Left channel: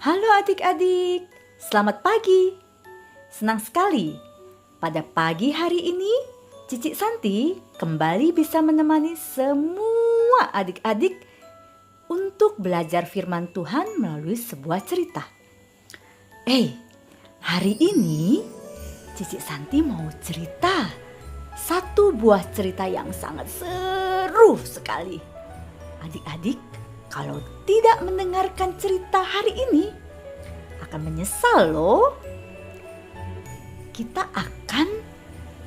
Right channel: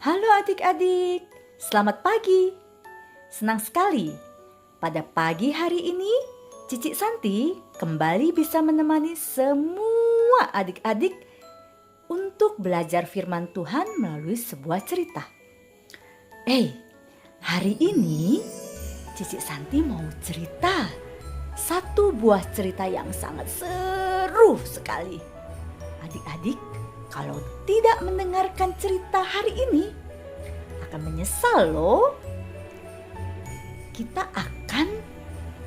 Halo adik-adik, selamat pagi. Senang sekali pada pagi hari ini Cici Santi kembali bisa menemani semua adik-adik untuk belajar firman Tuhan melalui sebuah cerita. Hari ini Cici Santi mau cerita satu buah cerita yang sangat seru sekali. Adik-adik, kalau tidak mendengarkan cerita hari ini, akan menyesal loh. Kita akan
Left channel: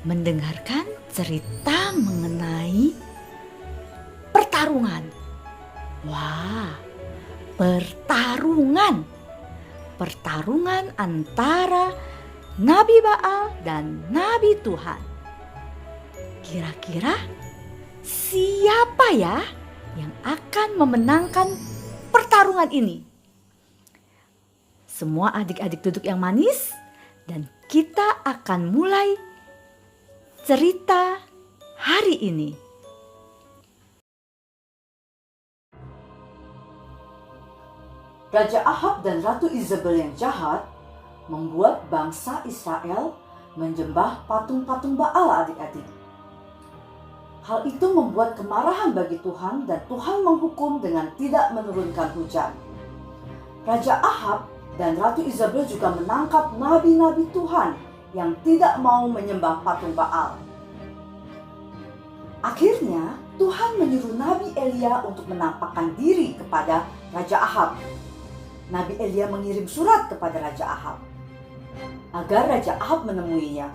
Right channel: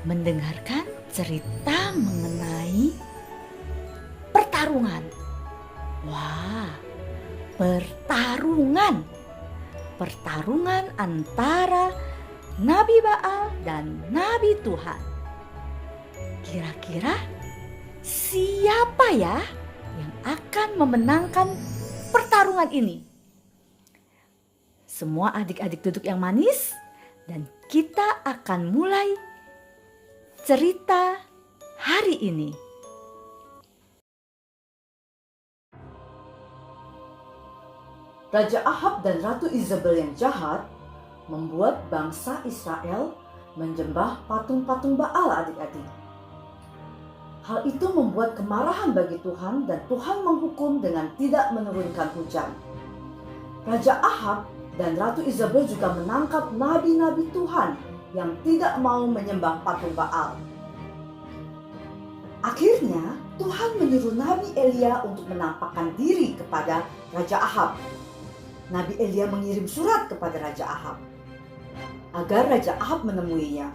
mendengarkan cerita mengenai pertarungan. Wah, pertarungan. Pertarungan antara Nabi Baal dan Nabi Tuhan. Kira-kira siapa ya yang akan memenangkan pertarungan ini? Semua adik-adik duduk yang manis dan kita akan mulai cerita hari ini. Raja Ahab dan Ratu Izebel yang jahat membuat bangsa Israel menyembah patung-patung Baal, adik-adik. Hal itu membuat kemarahan bagi Tuhan dan Tuhan menghukum dengan tidak menurunkan hujan. Raja Ahab dan Ratu Izebel juga menangkap nabi-nabi Tuhan yang tidak mau menyembah patung Baal. Akhirnya Tuhan menyuruh Nabi Elia untuk menampakkan diri kepada Raja Ahab. Nabi Elia mengirim surat kepada Raja Ahab agar Raja Ahab menemuinya.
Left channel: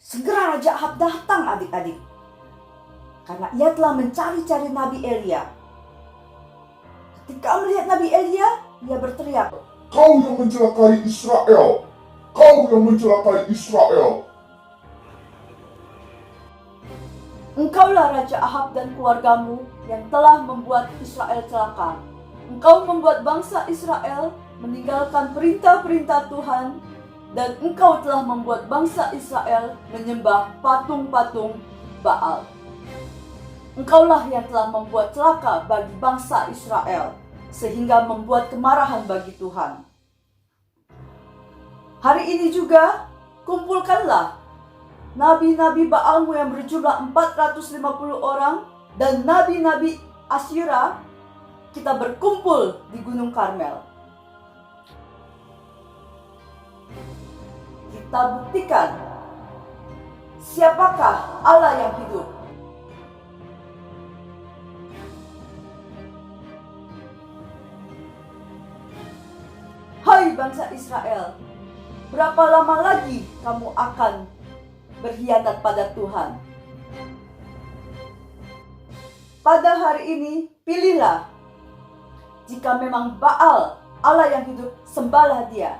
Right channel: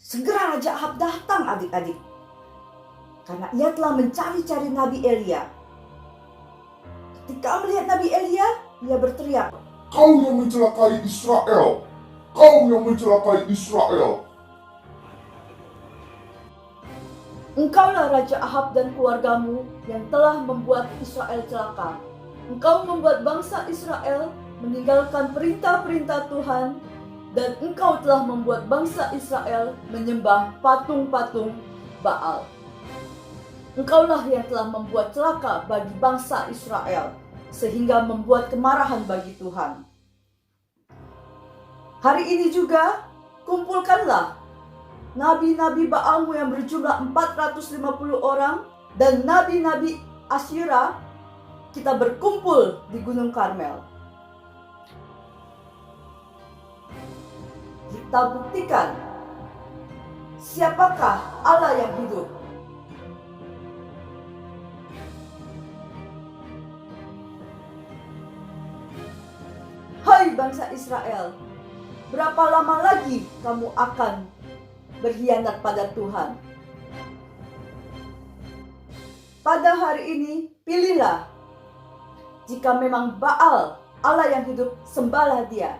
Segera Raja Ahab datang, adik-adik, karena ia telah mencari-cari Nabi Elia. Ketika melihat Nabi Elia, ia berteriak, "Kau yang mencelakai Israel! Kau yang mencelakai Israel!" "Engkaulah Raja Ahab dan keluargamu yang telah membuat Israel celaka. Engkau membuat bangsa Israel meninggalkan perintah-perintah Tuhan, dan engkau telah membuat bangsa Israel menyembah patung-patung Baal. Engkaulah yang telah membuat celaka bagi bangsa Israel, sehingga membuat kemarahan bagi Tuhan. Hari ini juga kumpulkanlah nabi-nabi Baalmu yang berjumlah 450 orang dan nabi-nabi Asyera. Kita berkumpul di Gunung Karmel. Kita buktikan siapakah Allah yang hidup." "Hai bangsa Israel, berapa lama lagi kamu akan berkhianat pada Tuhan? Pada hari ini pilihlah. Jika memang Baal Allah yang hidup, sembahlah dia.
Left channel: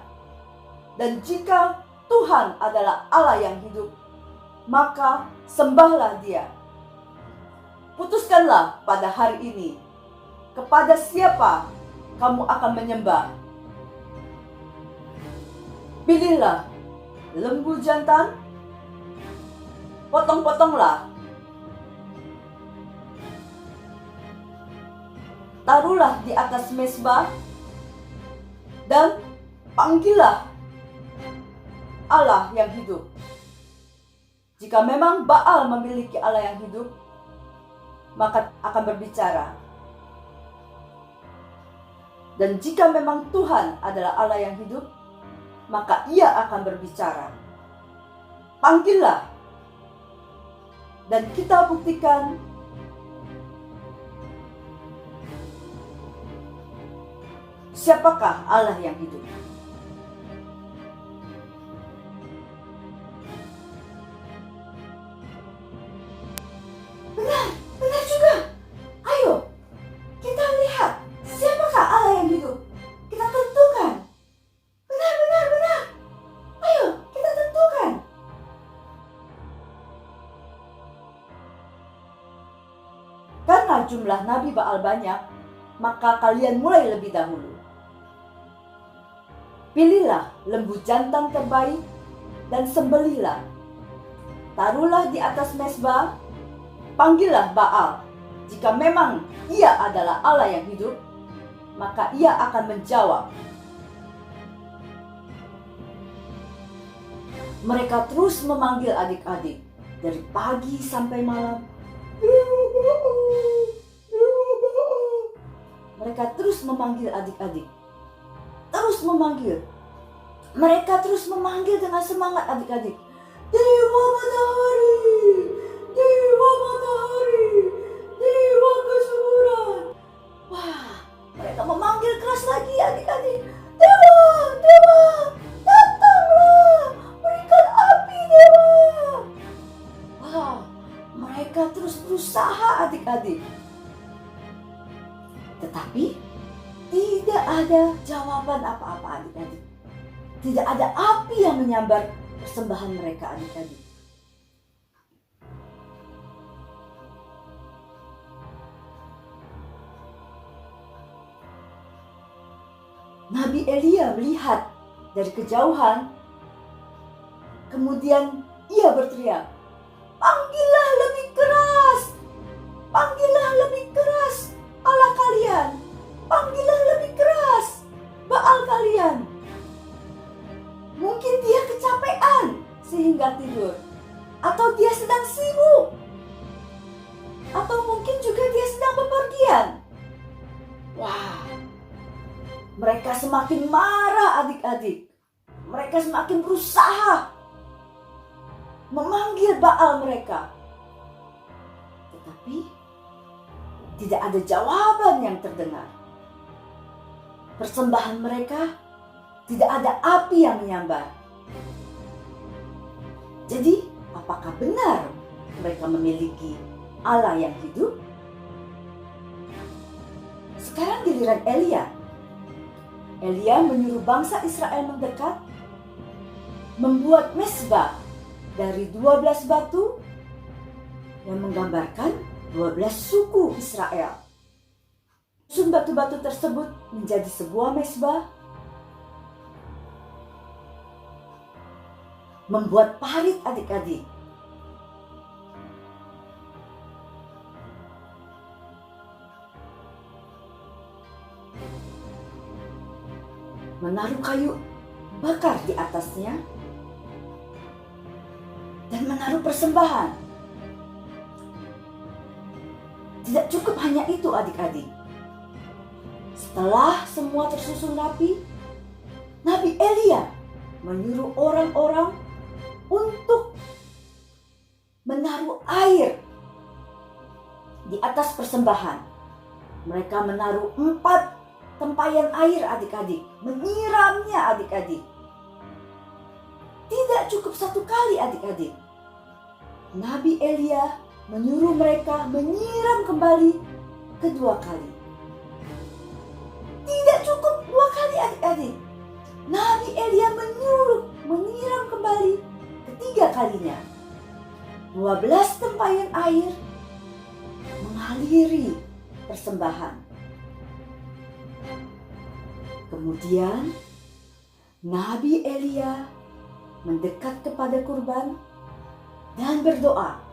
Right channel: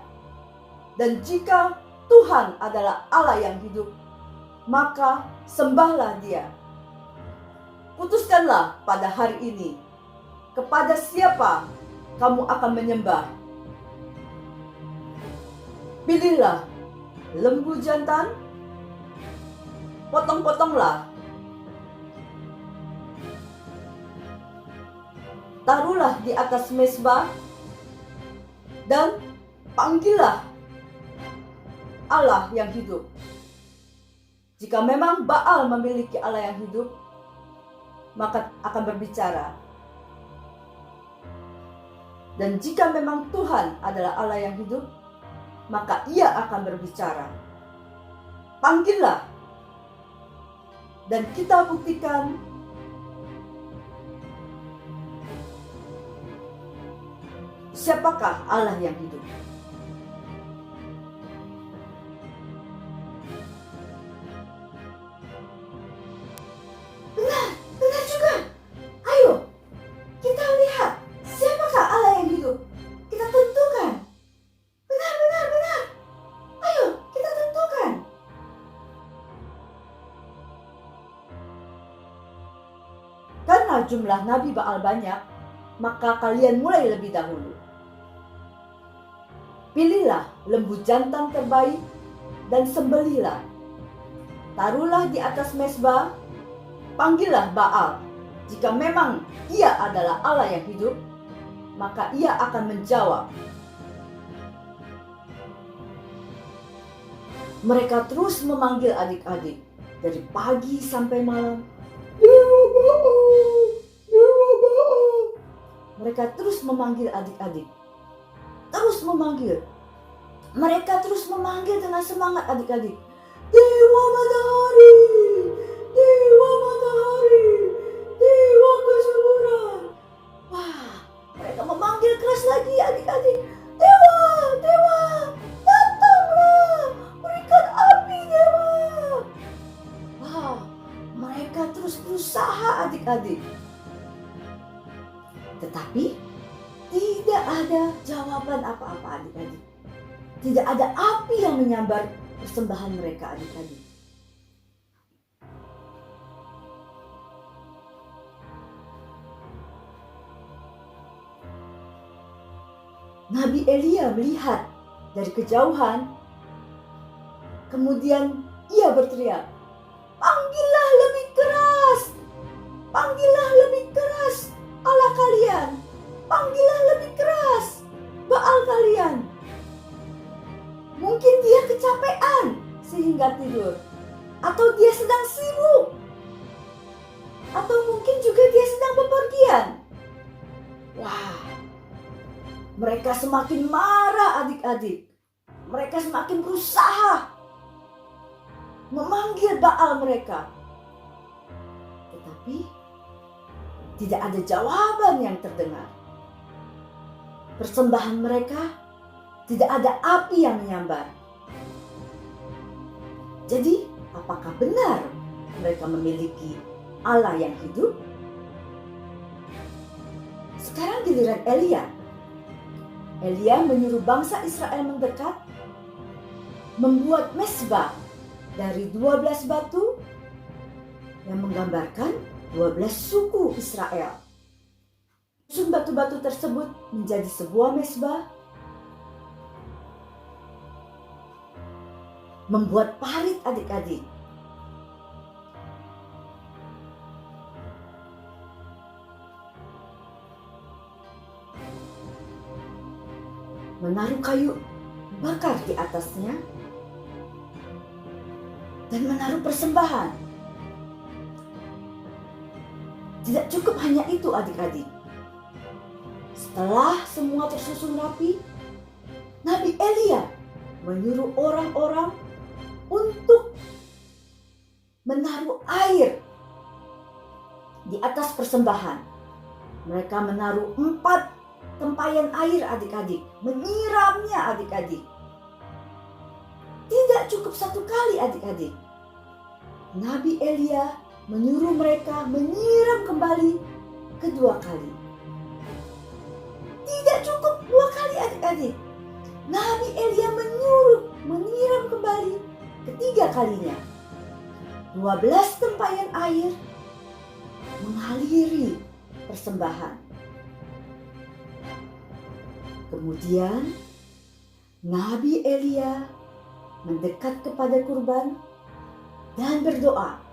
Dan jika Tuhan adalah Allah yang hidup, maka sembahlah dia. Putuskanlah pada hari ini kepada siapa kamu akan menyembah. Pilihlah lembu jantan, potong-potonglah. Taruhlah di atas mezbah dan panggillah Allah yang hidup. Jika memang Baal memiliki Allah yang hidup, maka akan berbicara. Dan jika memang Tuhan adalah Allah yang hidup, maka ia akan berbicara. Panggillah. Dan kita buktikan siapakah Allah yang hidup." Benar juga. Ayo, kita lihat siapakah Allah yang hidup. Kita tentukan. Benar. Ayo, kita tentukan. Karena jumlah Nabi Baal banyak, maka kalian mulai lebih dahulu. Pilihlah lembu jantan terbaik dan sembelihlah. Taruhlah di atas mezbah, panggillah Baal. Jika memang ia adalah Allah yang hidup, maka ia akan menjawab, Mereka terus memanggil adik-adik dari pagi sampai malam. Dewa Baal, Dewa Baal. Mereka terus memanggil adik-adik. Terus memanggil. Mereka terus memanggil dengan semangat adik-adik. Dewa matahari, Dewa matahari, Dewa kesuburan. Wah, mereka memanggil keras lagi adik-adik. Dewa, Dewa, datanglah, berikan api Dewa. Wah, mereka terus berusaha adik-adik. Tetapi tidak ada jawaban apa-apa adik-adik. Tidak ada api yang menyambar persembahan mereka adik-adik. Nabi Elia melihat dari kejauhan. Kemudian ia berteriak, "Panggillah lebih keras! Panggillah lebih keras Allah kalian! Panggillah lebih keras Baal kalian!" Mungkin dia kecapean sehingga tidur. Atau dia sedang sibuk. Atau mungkin juga dia sedang bepergian. Wah, mereka semakin marah adik-adik. Mereka semakin berusaha memanggil Baal mereka. Tetapi tidak ada jawaban yang terdengar. Persembahan mereka tidak ada api yang menyambar. Jadi, apakah benar mereka memiliki Allah yang hidup? Sekarang giliran Elia. Elia menyuruh bangsa Israel mendekat, membuat mezbah dari 12 batu yang menggambarkan 12 suku Israel. Susun batu-batu tersebut menjadi sebuah mezbah, membuat parit adik-adik. Menaruh kayu bakar di atasnya dan menaruh persembahan. Tidak cukup hanya itu adik-adik. Setelah semua tersusun rapi, Nabi Elia menyuruh orang-orang untuk menaruh air di atas persembahan. Mereka menaruh 4 tempayan air adik-adik, menyiramnya adik-adik. Tidak cukup 1 kali adik-adik. Nabi Elia menyuruh mereka menyiram kembali kedua kali. Tidak cukup 2 kali adik-adik. Nabi Elia menyuruh menyiram kembali ketiga kalinya. 12 tempayan air mengaliri persembahan. Kemudian Nabi Elia mendekat kepada kurban dan berdoa.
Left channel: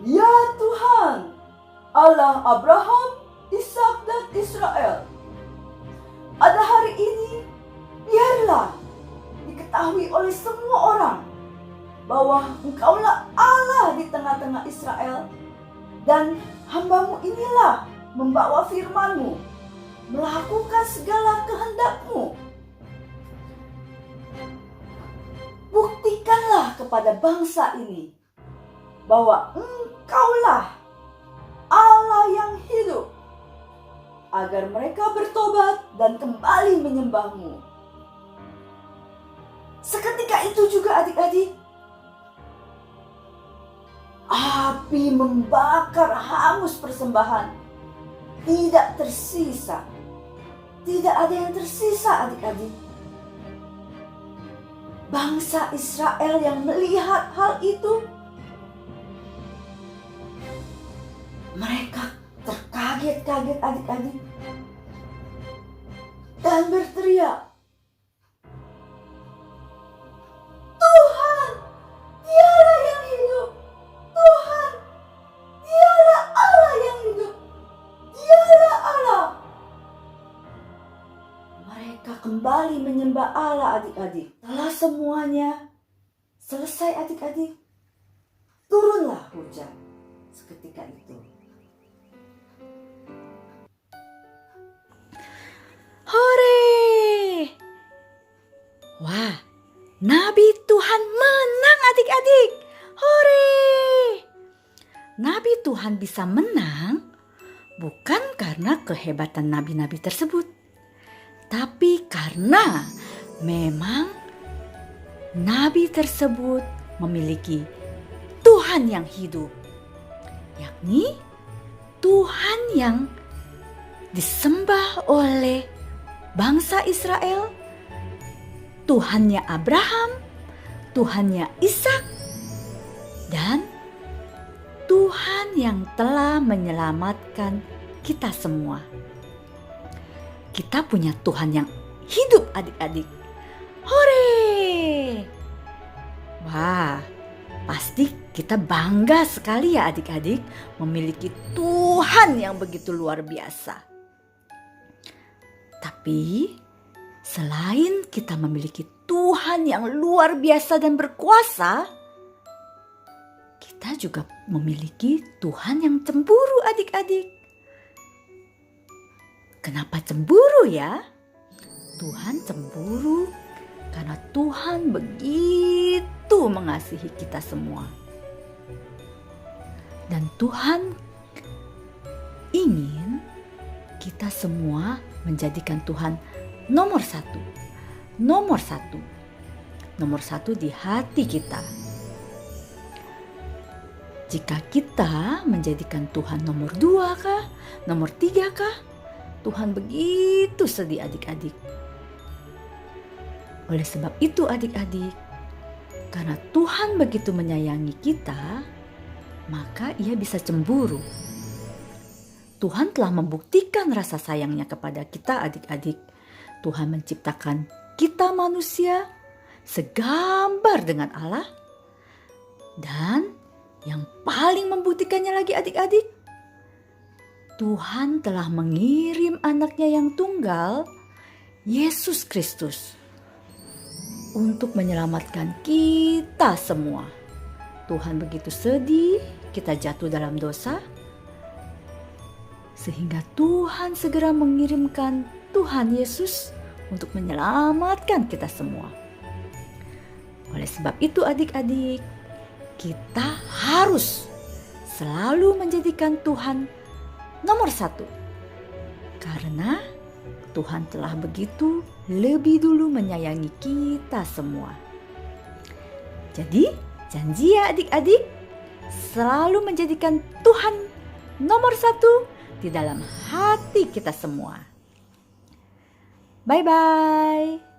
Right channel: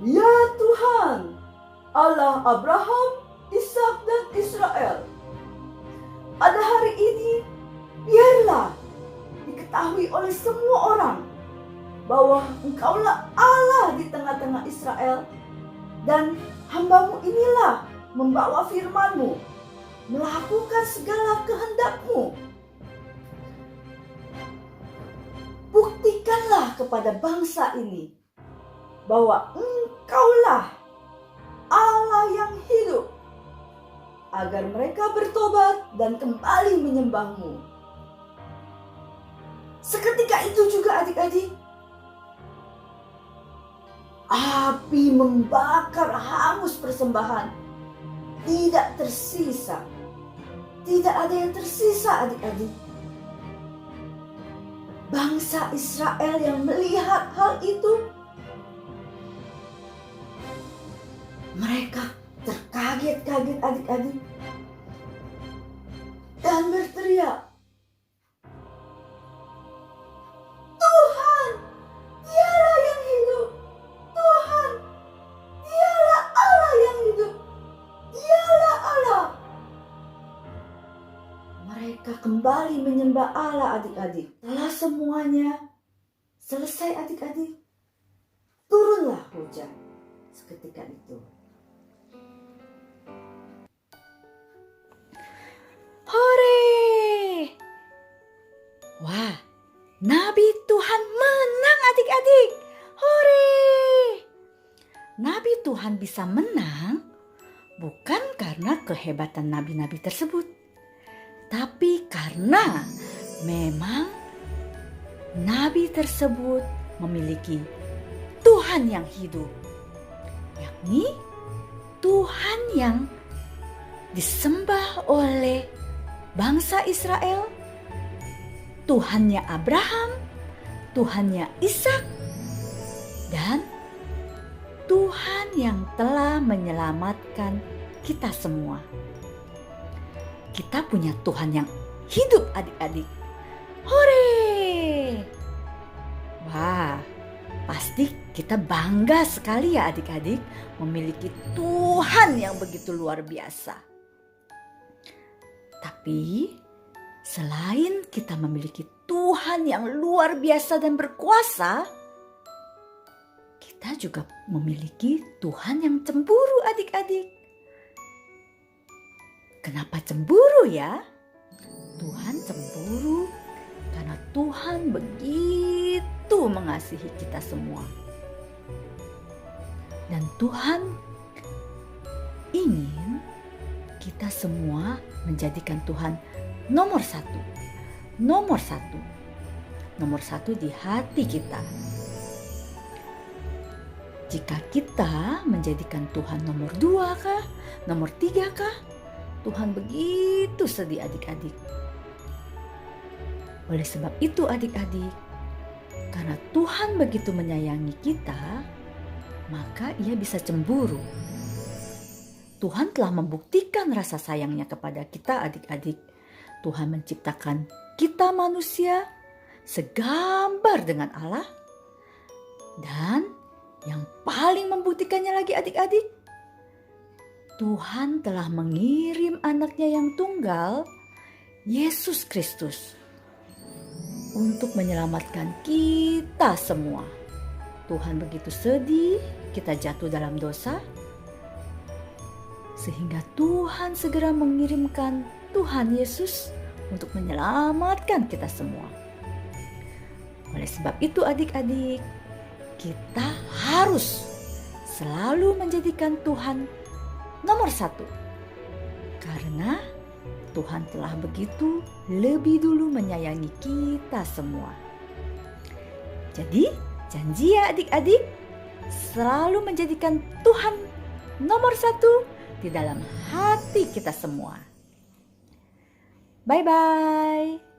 Ya Tuhan, Allah Abraham, Ishak dan Israel, pada hari ini biarlah diketahui oleh semua orang bahwa Engkaulah Allah di tengah-tengah Israel, dan hamba-Mu inilah membawa firman-Mu, melakukan segala kehendak-Mu. Buktikanlah kepada bangsa ini bahwa Engkaulah Allah yang hidup, agar mereka bertobat dan kembali menyembah-Mu. Seketika itu juga adik-adik, api membakar hangus persembahan. Tidak tersisa. Tidak ada yang tersisa adik-adik. Bangsa Israel yang melihat hal itu, mereka terkaget-kaget adik-adik dan berteriak, "Tuhan, Dialah yang hidup! Tuhan, Dialah Allah yang hidup! Dialah Allah!" adik-adik, telah semuanya selesai adik-adik, turunlah hujan seketika itu. Hore! Wah, Nabi Tuhan menang adik-adik. Hore! Nabi Tuhan bisa menang bukan karena kehebatan nabi-nabi tersebut, tapi karena memang nabi tersebut memiliki Tuhan yang hidup, yakni Tuhan yang disembah oleh bangsa Israel, Tuhannya Abraham, Tuhannya Ishak, dan Tuhan yang telah menyelamatkan kita semua. Kita punya Tuhan yang hidup adik-adik. Hore! Wah, pasti kita bangga sekali ya adik-adik memiliki Tuhan yang begitu luar biasa. Tapi selain kita memiliki Tuhan yang luar biasa dan berkuasa, kita juga memiliki Tuhan yang cemburu adik-adik. Kenapa cemburu ya? Tuhan cemburu karena Tuhan begitu mengasihi kita semua. Dan Tuhan ingin kita semua menjadikan Tuhan nomor satu. Nomor satu di hati kita. Jika kita menjadikan Tuhan nomor 2 kah, nomor 3 kah, Tuhan begitu sedih adik-adik. Oleh sebab itu adik-adik, karena Tuhan begitu menyayangi kita, maka Ia bisa cemburu. Tuhan telah membuktikan rasa sayangnya kepada kita adik-adik. Tuhan menciptakan kita manusia segambar dengan Allah. Dan yang paling membuktikannya lagi adik-adik, Tuhan telah mengirim anaknya yang tunggal, Yesus Kristus, untuk menyelamatkan kita semua. Tuhan begitu sedih kita jatuh dalam dosa, sehingga Tuhan segera mengirimkan Tuhan Yesus untuk menyelamatkan kita semua. Oleh sebab itu adik-adik, kita harus selalu menjadikan Tuhan nomor 1. Karena Tuhan telah begitu lebih dulu menyayangi kita semua. Jadi janji ya adik-adik, selalu menjadikan Tuhan nomor 1 di dalam hati kita semua. Bye-bye.